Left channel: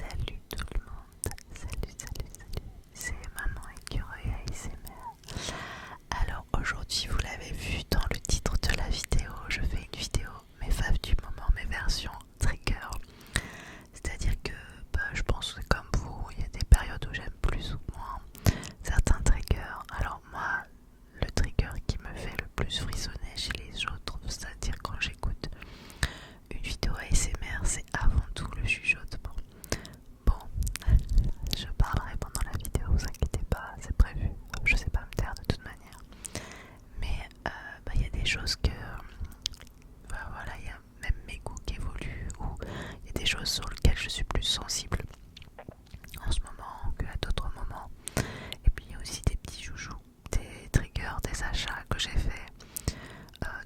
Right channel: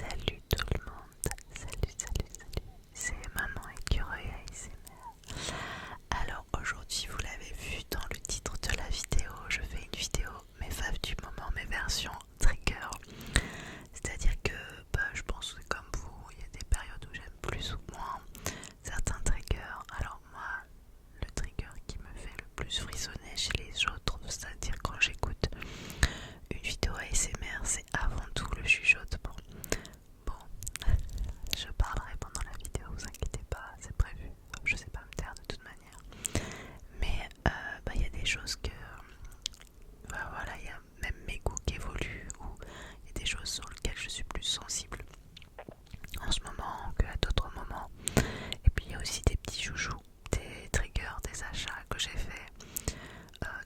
Salut tout le monde, salut, c'est Maman Écureuil ASMR. Alors aujourd'hui vous l'avez vu dans le titre de la vidéo, je fais une vidéo mes faves du moment, mes versions trigger. C'est-à-dire que je pense que comme vous, il y a des périodes où j'aime plus ou moins certains triggers. Alors moi, le trigger qui me fait le plus frissonner chez les autres, c'est-à-dire quand j'écoute une vidéo ASMR, c'est avant tout le chuchotement. Bon, je parlerai pendant la vidéo, vous inquiétez pas, c'est prévu. Je sais pas me taire de toute manière. Mais il y a des choses que... voilà, il y a même mes goûts qui évoluent, ou il y a des choses sur lesquelles je suis plus sensible en ce moment qu'à d'autres moments. Et puis il y a aussi des petits joujoux, des triggers, des achats que j'ai fait.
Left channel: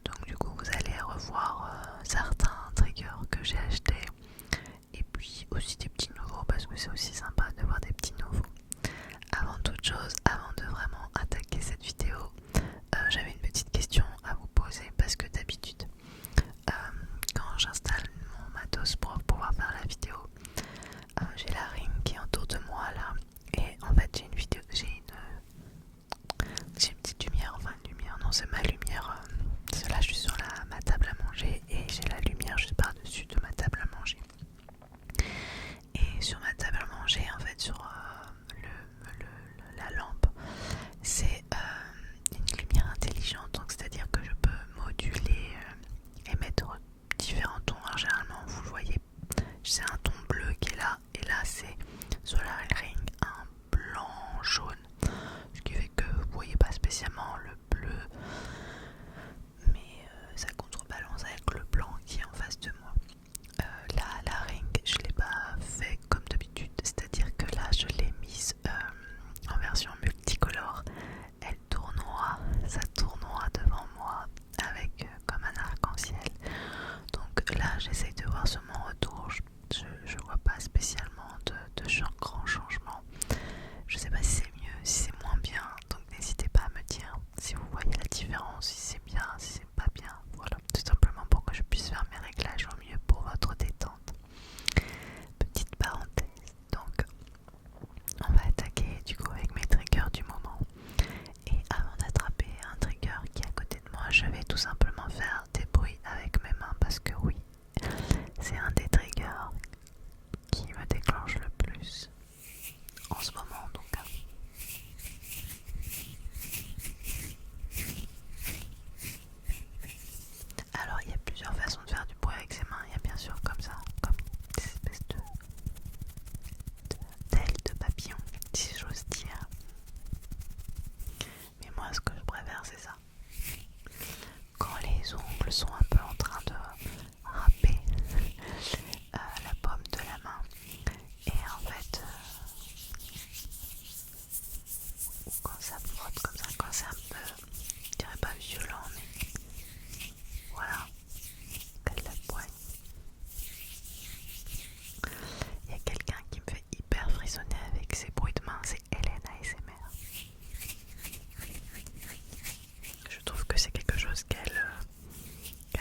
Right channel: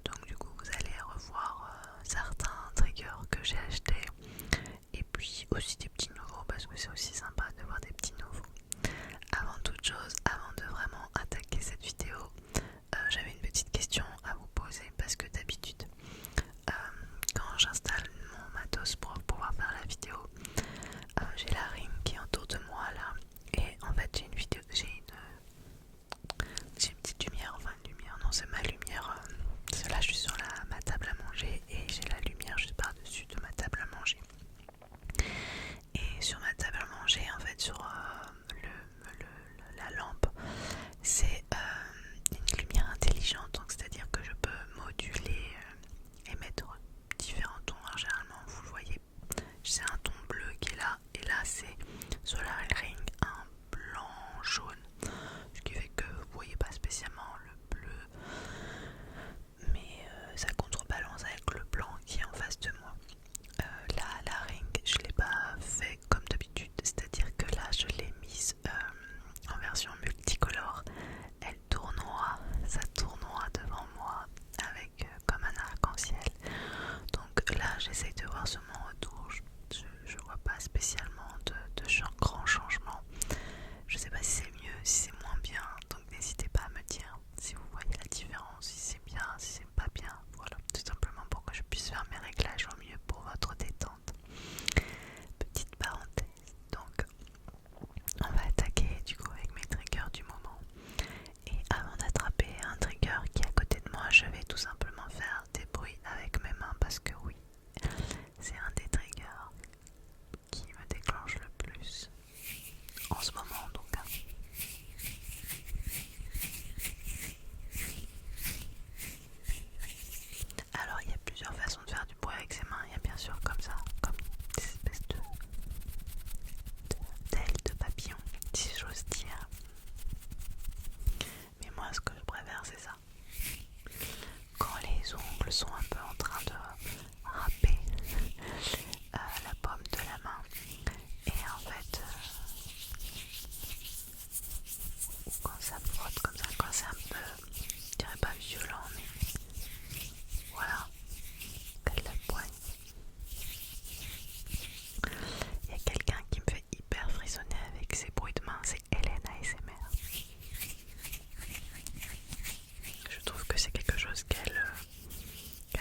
Donc du coup vous allez revoir certains triggers que j'ai achetés. Et puis aussi des petits nouveaux parce que c'est aussi sympa de voir des petits nouveaux. Avant toute chose, avant de vraiment attaquer cette vidéo, j'avais une petite question à vous poser parce que d'habitude quand j'installe mon matos pour pouvoir faire la vidéo, j'ai la ring qui est autour de moi là, et en fait j'ai une petite lumière, enfin une lumière, non c'est ma lumière, là je suis sur ma table à manger et j'ai la lumière juste par dessus de ma table à manger. Et sur ma table à manger, en fait, sur la lampe, c'est une lumière intelligente, donc c'est-à-dire que je peux moduler et mettre différents tons. Alors, généralement, vous le voyez, c'est un ton bleu qui est là, et là c'est sur la ring un blanc jaune, ce qui fait que vous voyez pas spécialement le bleu, mais ça contrebalance avec le blanc qui est en face de moi. La ring, je l'ai pas fait comme d'habitude, c'est-à-dire que là je l'ai mise en version multicolore. Elle tournoie, ça tournoie devant moi avec comme un arc-en-ciel. Donc là j'essaye de voir sur mon retour, je vois pas spécialement de grand changement. Je sais pas si c'est mieux, si c'est moins bien, donc n'hésitez pas à me dire si vous voyez la différence, si c'est bien, si c'est pas bien. Voilà, tout simplement pour que je puisse faire mes réglages au mieux pour votre détente. Petite parenthèse, donc on va attaquer du coup avec mes triggers du moment. Et avant d'attraper un trigger qui est à côté de moi, je vais tout simplement faire des bruits avec mes mains parce que oui, c'est un des triggers qui me déclenche le plus en ce moment en tout cas. Alors il y a plusieurs façons de faire du bruit avec ses mains. Il y a bien sûr comme ça, comme des espèces d'ailes de papillon, si j'ose dire. Mais moi ce que je préfère c'est ça. Quand les ongles sont un peu en train de râper la paume de la main. Et en fait, quand ça frotte comme ça, quand c'est un peu, je dirais pas violent, mais voilà, elle la poigne. Il y a quelqu'un qui me fait hyper frissonner avec ses bruits de main, c'est Hélène ASMR. Je trouve que c'est quelque chose qu'elle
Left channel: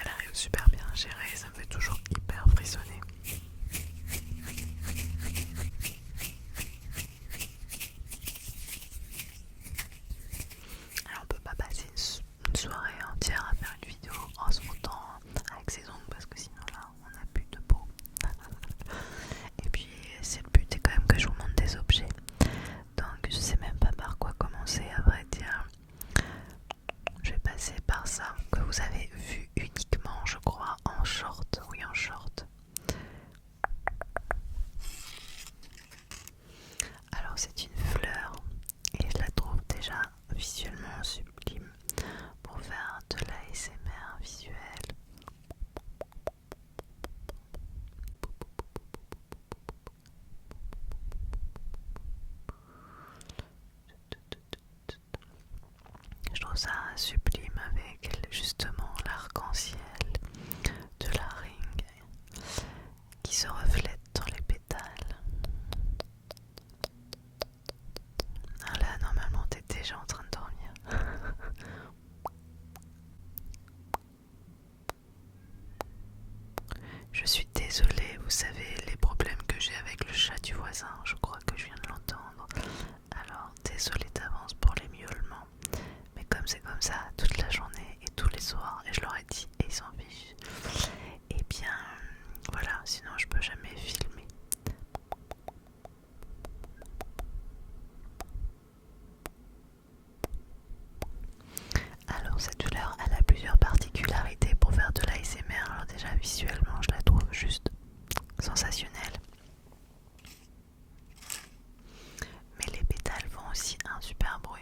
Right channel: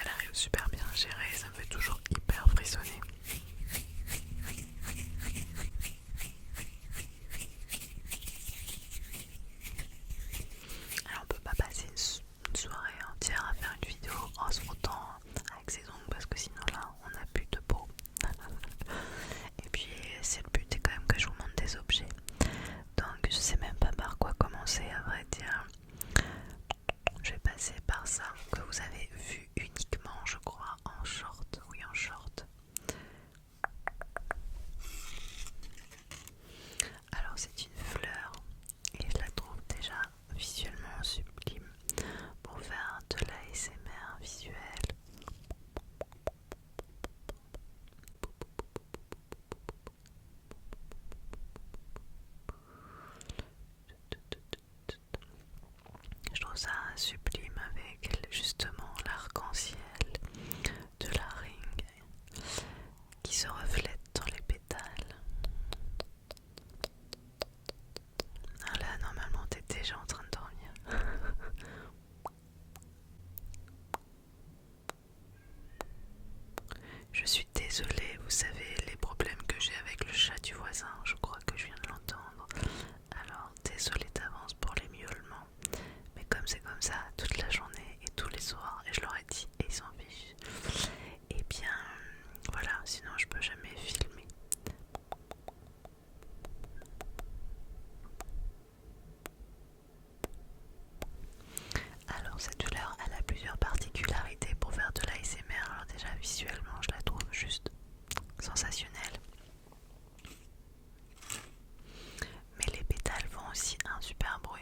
arrive super bien à gérer, ça me fait toujours hyper frissonner. Alors on peut pas passer une soirée entière à faire une vidéo en se frottant avec ses ongles parce que sinon là on n'a plus de peau. Et puis c'est le but est quand même que je vous montre des objets. Donc je sais même pas par quoi commencer à vrai dire. Je vais passer par ça que vous avez vu uniquement je crois en short. Oui en short. Alors c'est une fleur et je la trouve déjà visuellement sublime pour faire de l'ASMR visuel. Je trouve ça sublime avec justement l'arc-en-ciel de la ring qui se reflète dans les pétales. Ah là, normalement, t'es déjà en train de dormir. Je suis désolée, vous savez les problèmes que j'ai avec le chat du sinon je peux jamais filmer. Alors cette fleur, elle a plusieurs particularités pour faire de l'ASMR. Alors déjà visuellement, je la trouve juste sensationnelle. Mais les pétales font aussi un super bruit.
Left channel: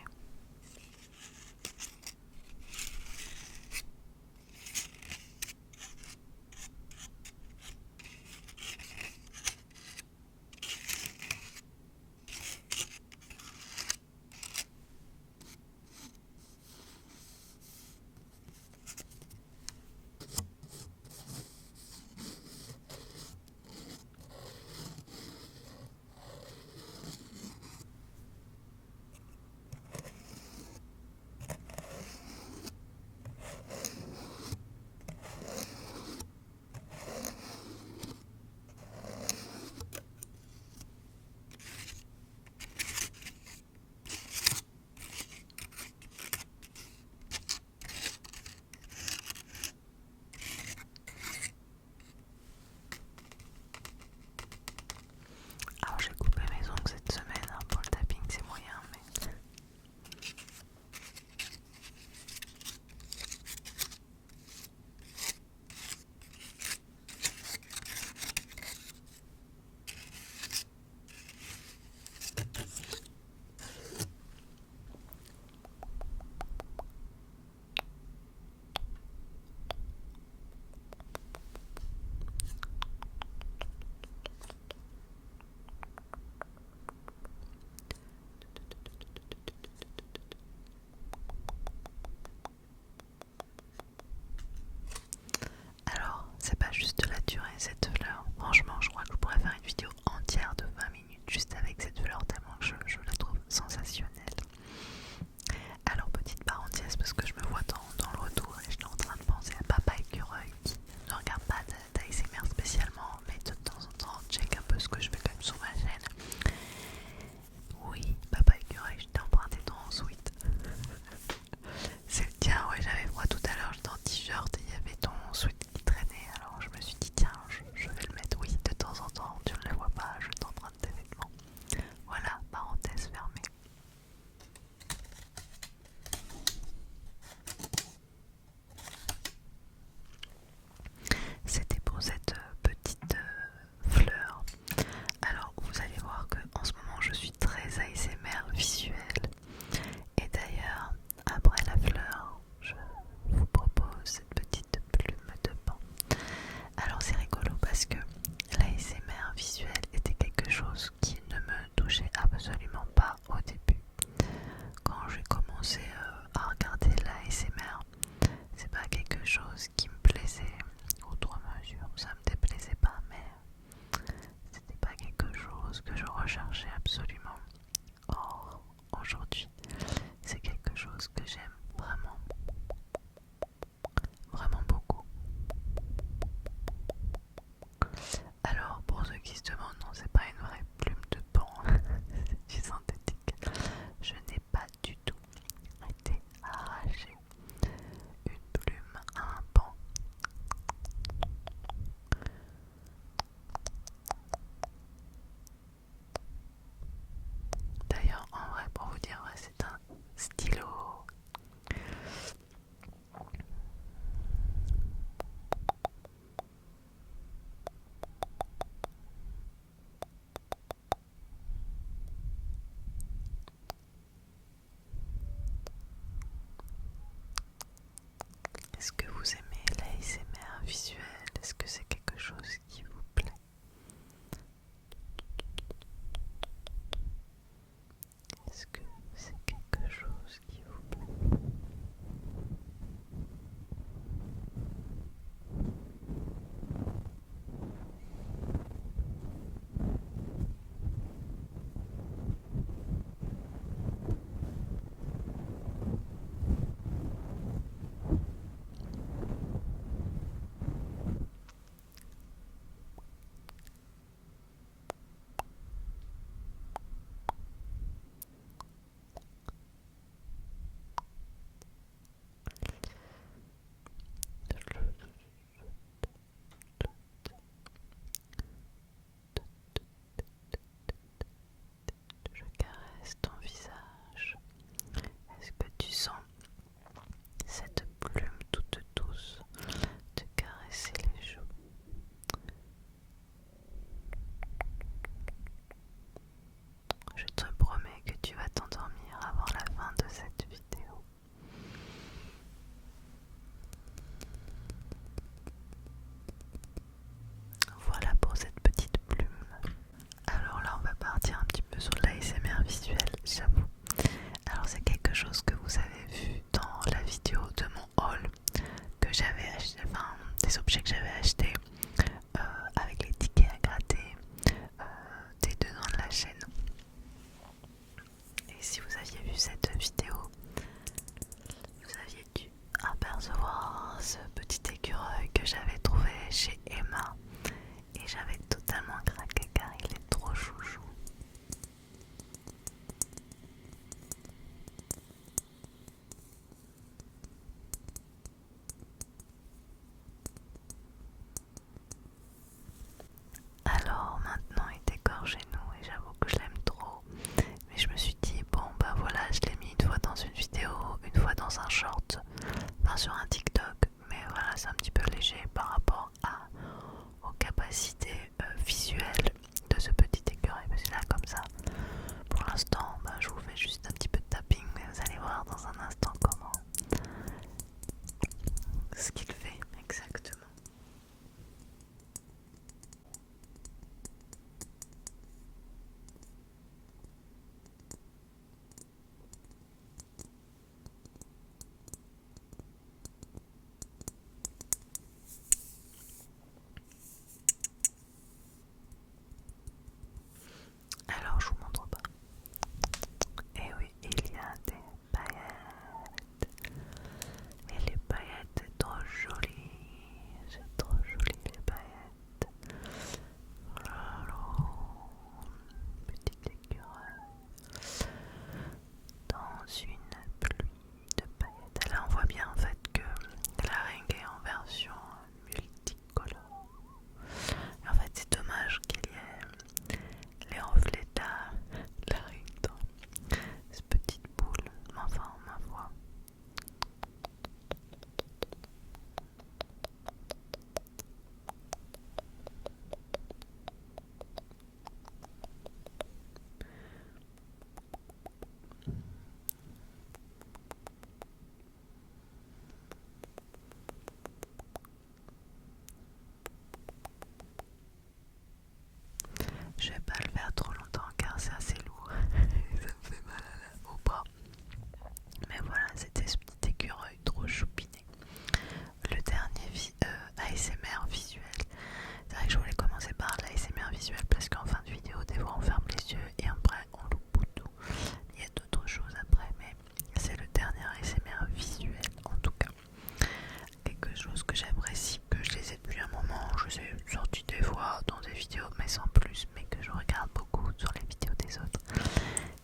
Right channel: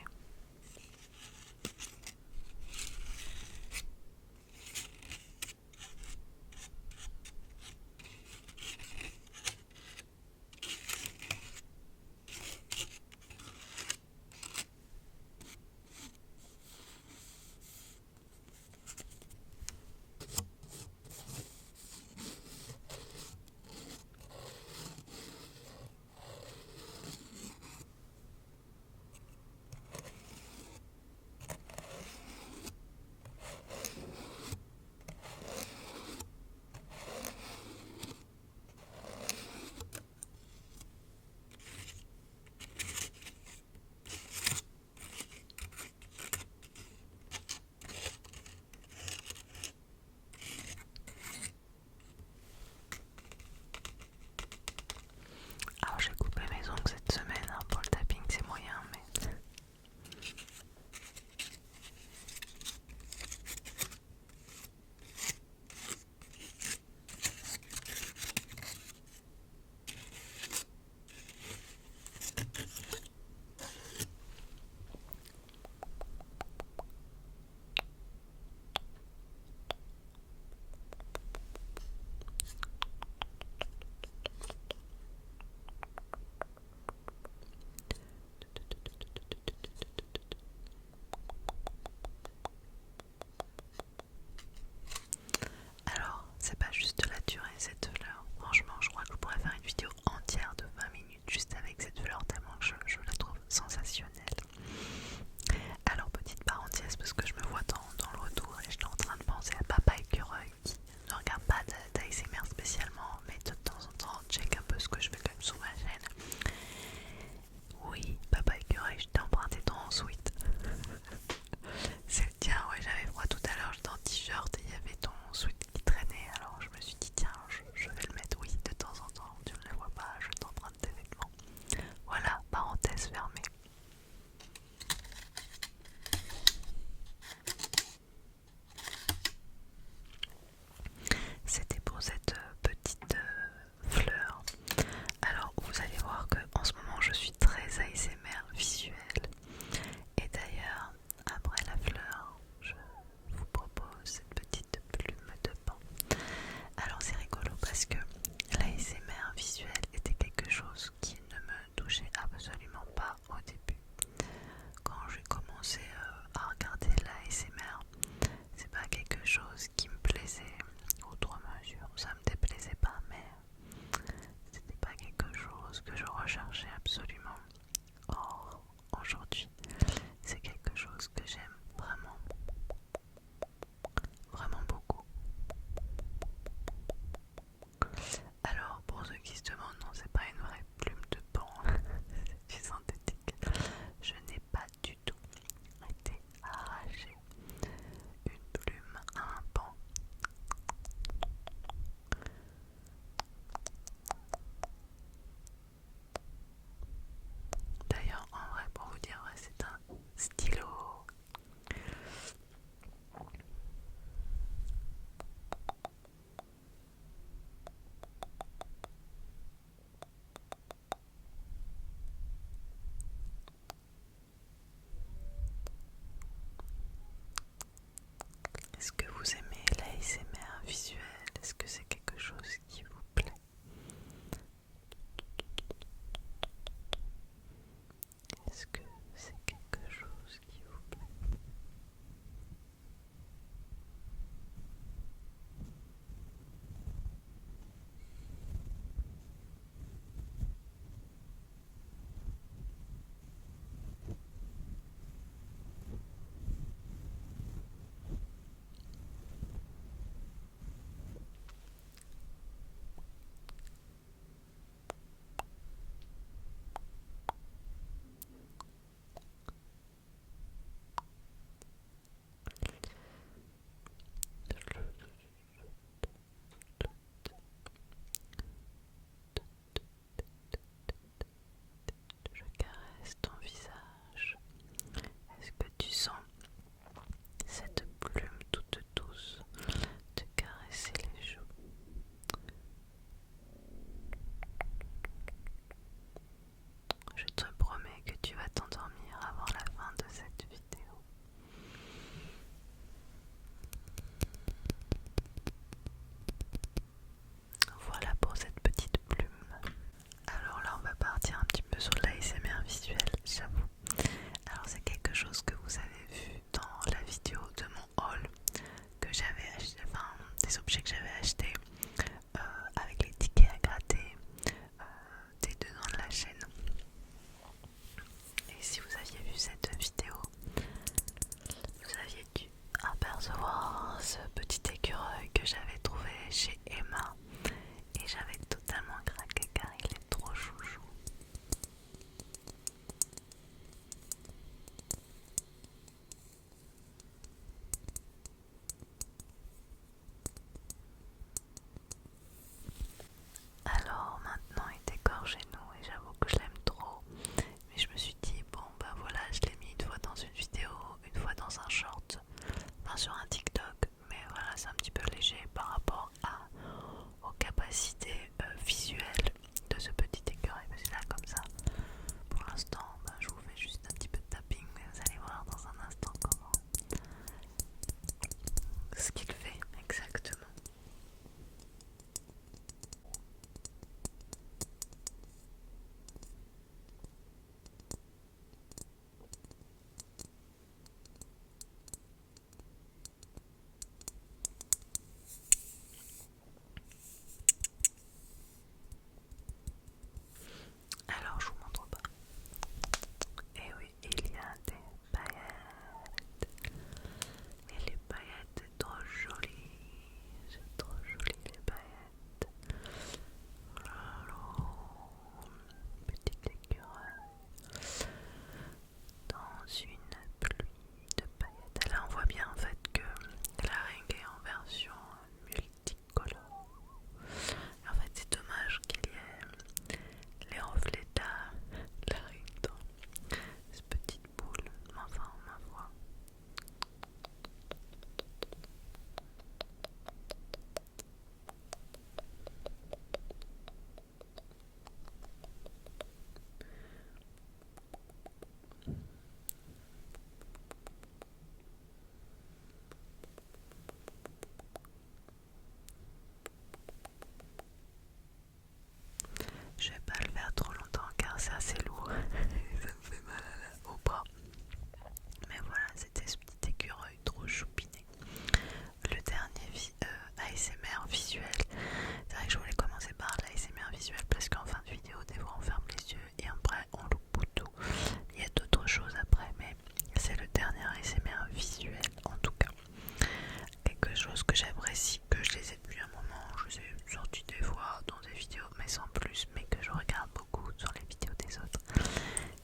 connaisse en plus, mais que je regarde beaucoup sur les vidéos des autres,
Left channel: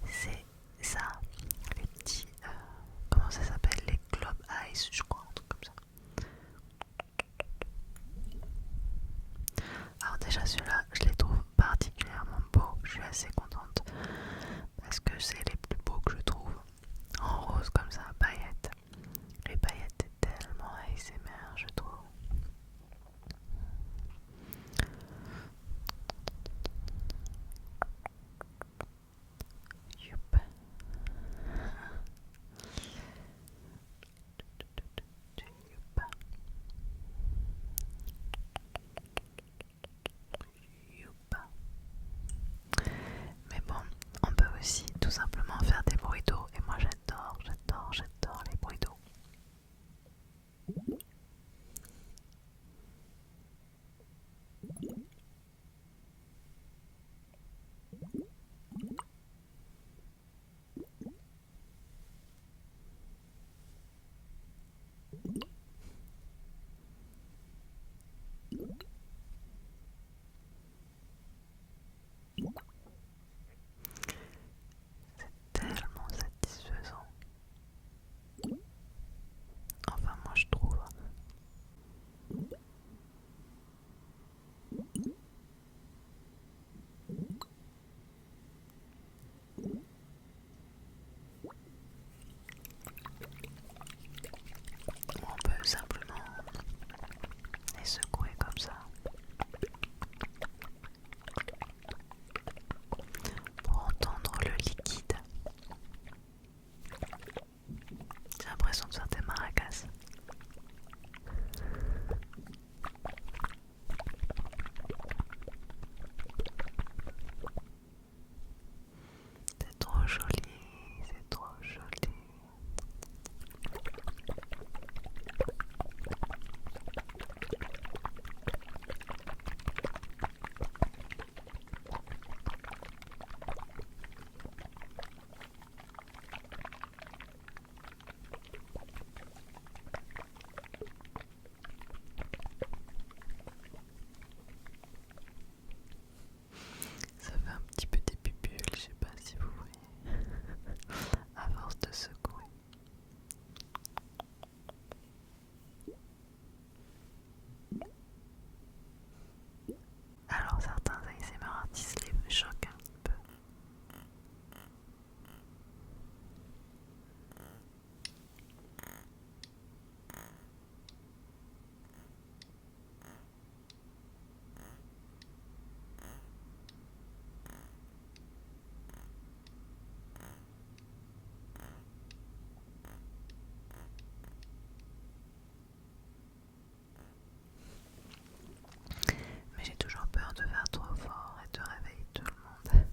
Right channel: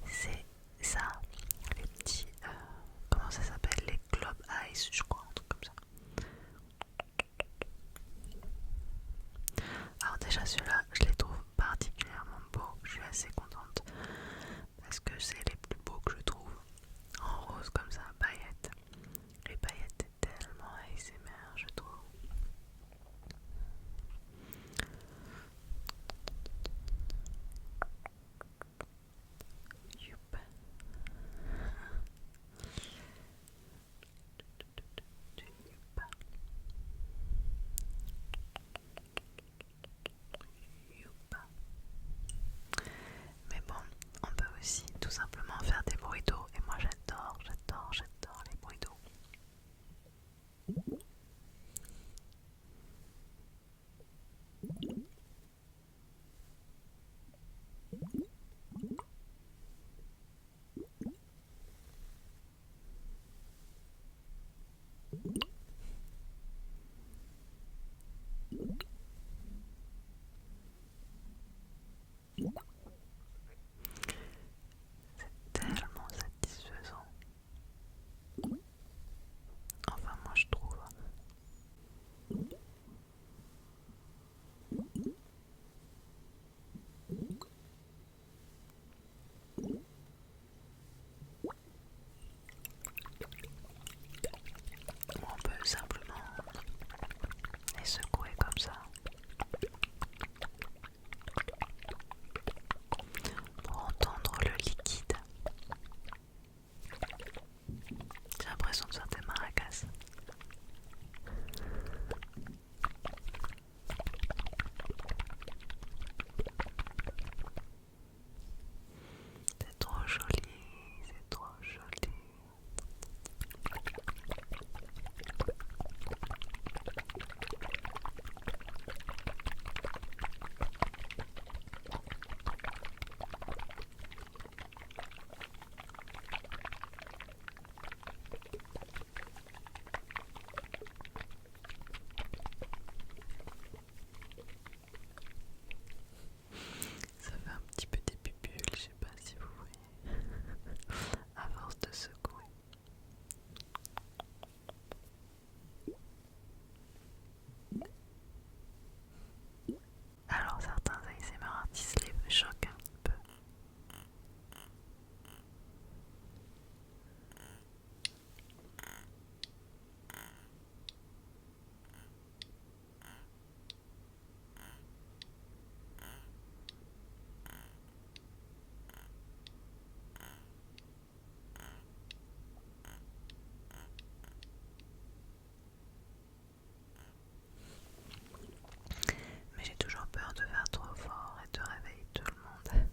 c'est ça, les petits, comment ça s'appelle, les Globe Eyes, je crois, un truc comme ça. Alors déjà ceux-là, je les trouve particulièrement beaux, je suis assez contente, parce que c'est les plus beaux que je trouve, en rose comme ça, paillettes. Les paillettes est tellement ASMR, je trouve. Youp. Youp. Youp. Mais bon, on peut aussi tout simplement faire des bruits d'eau. Et moi j'adore, j'adore, j'adore les bruits d'eau. C'est tellement satisfaisant. Enfin moi je trouve. On peut simplement les secouer comme ça pour entendre le liquide. J'ai l'impression de faire des maracas. C'est trop joli, c'est trop joli. Ça fait un petit peu des pupules, je sais pas si vous voyez, à force de secouer. Alors certains ASMR artistes les choquent un petit peu. Mais j'ai toujours peur de faire trop fort et de réveiller tout le monde.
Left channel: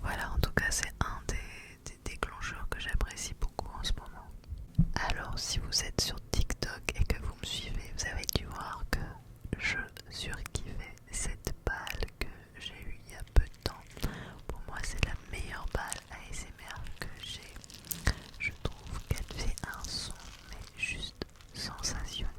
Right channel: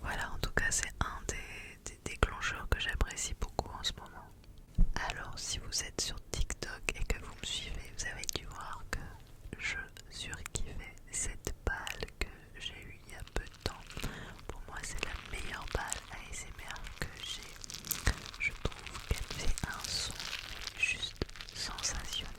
Voilà, en tout cas c'est un des déclencheurs que j'apprécie beaucoup en ce moment. Alors si vous êtes sur TikTok et que vous me suivez, vous avez dû voir que je surkiffais cette balle que j'ai eue il y a peu de temps. Pour moi c'est la meilleure balle ASMR que j'ai. Je trouve qu'elle fait un son mais juste sensationnel.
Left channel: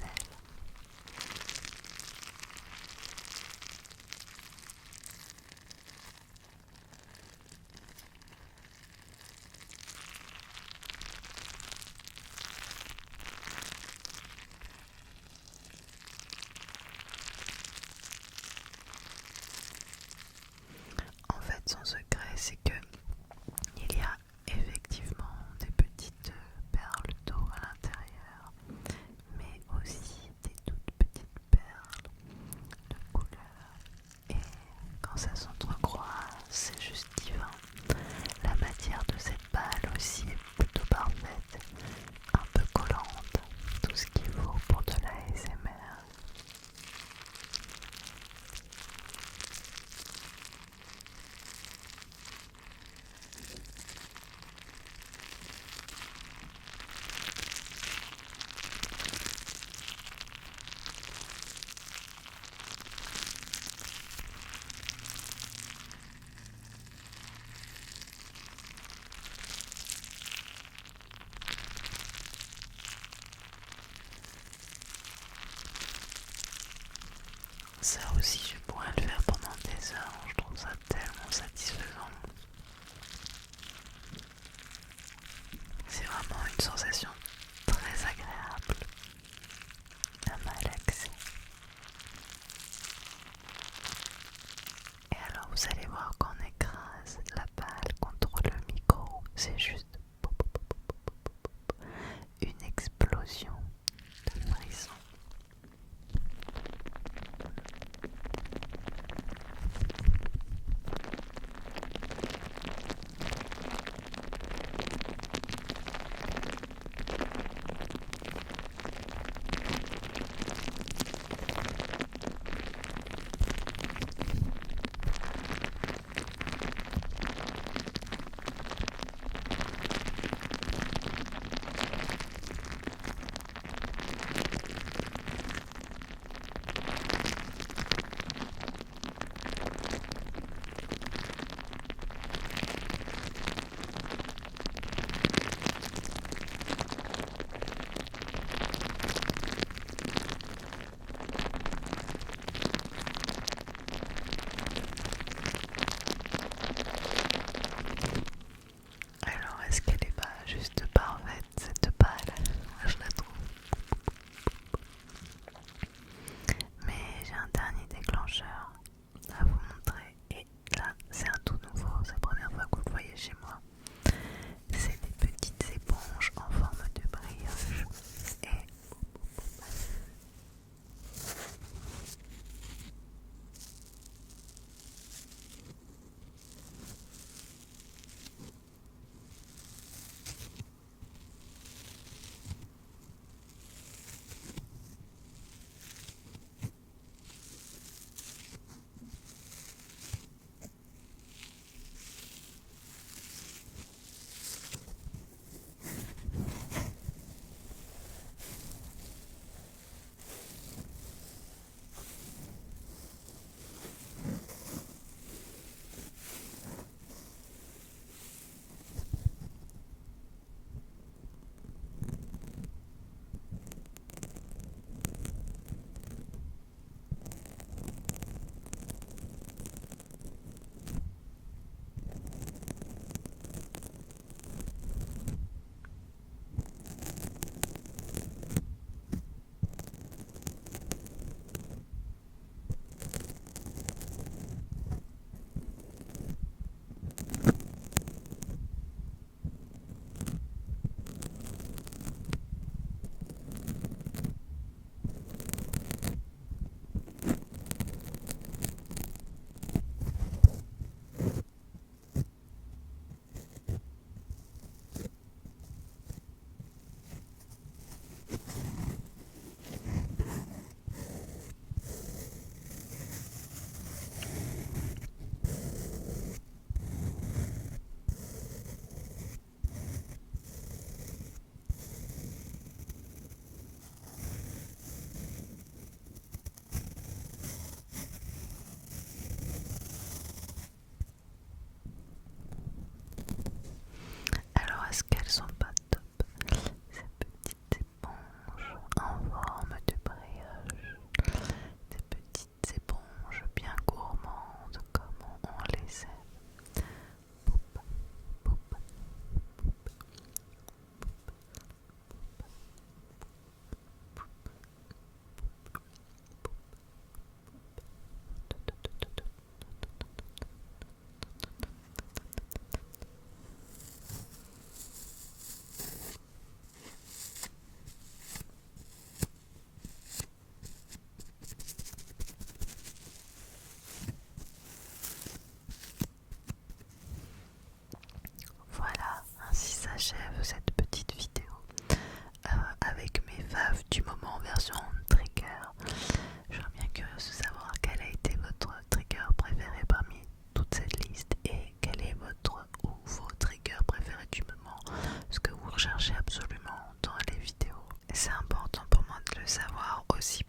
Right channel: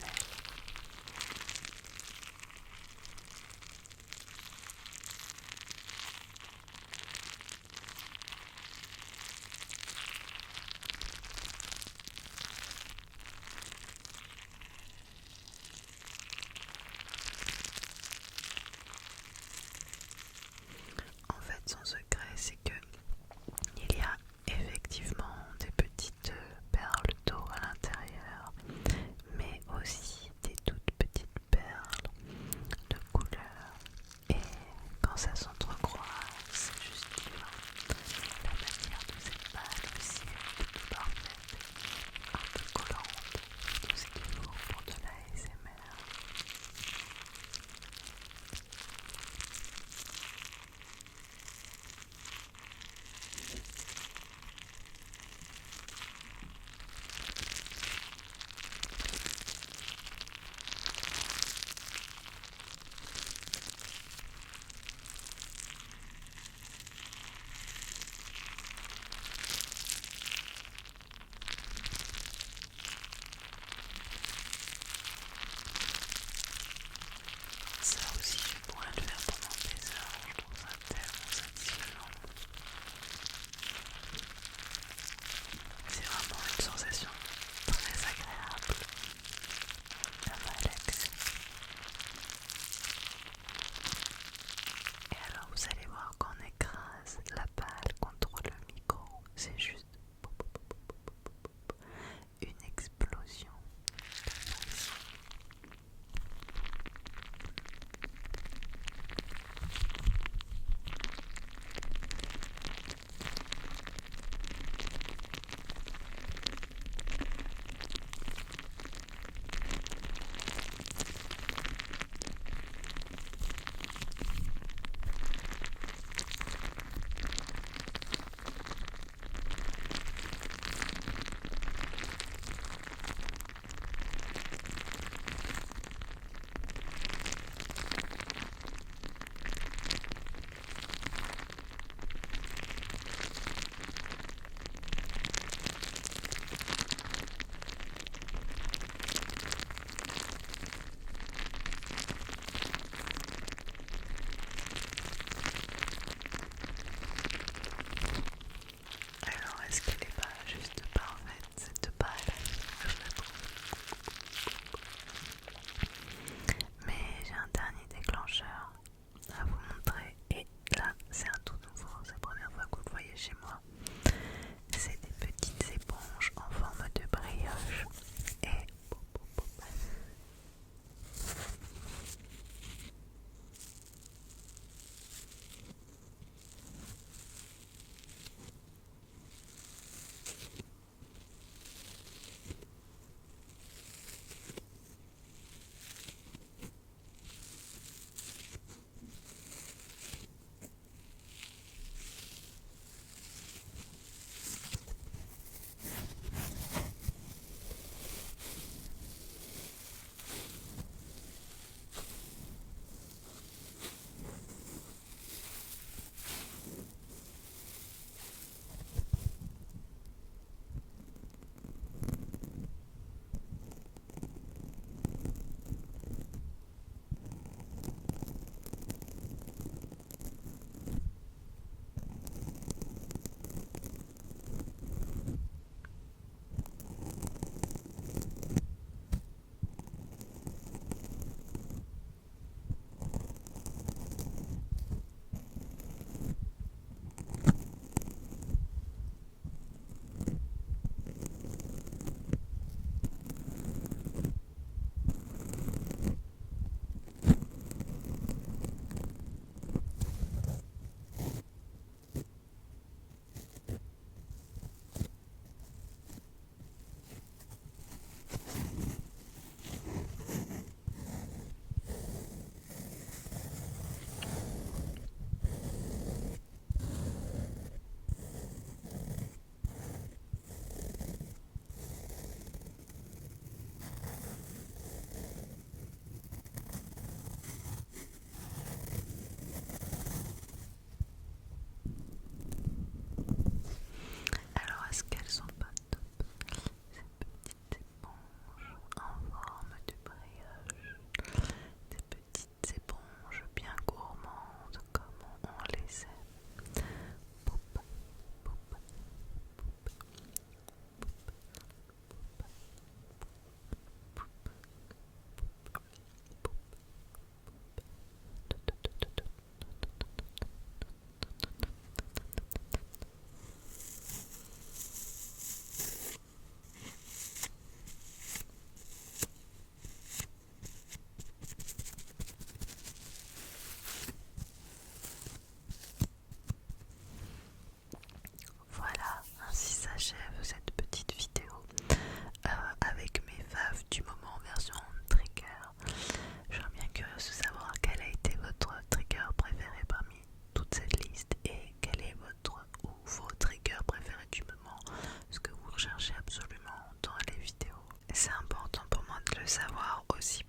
de savoir aussi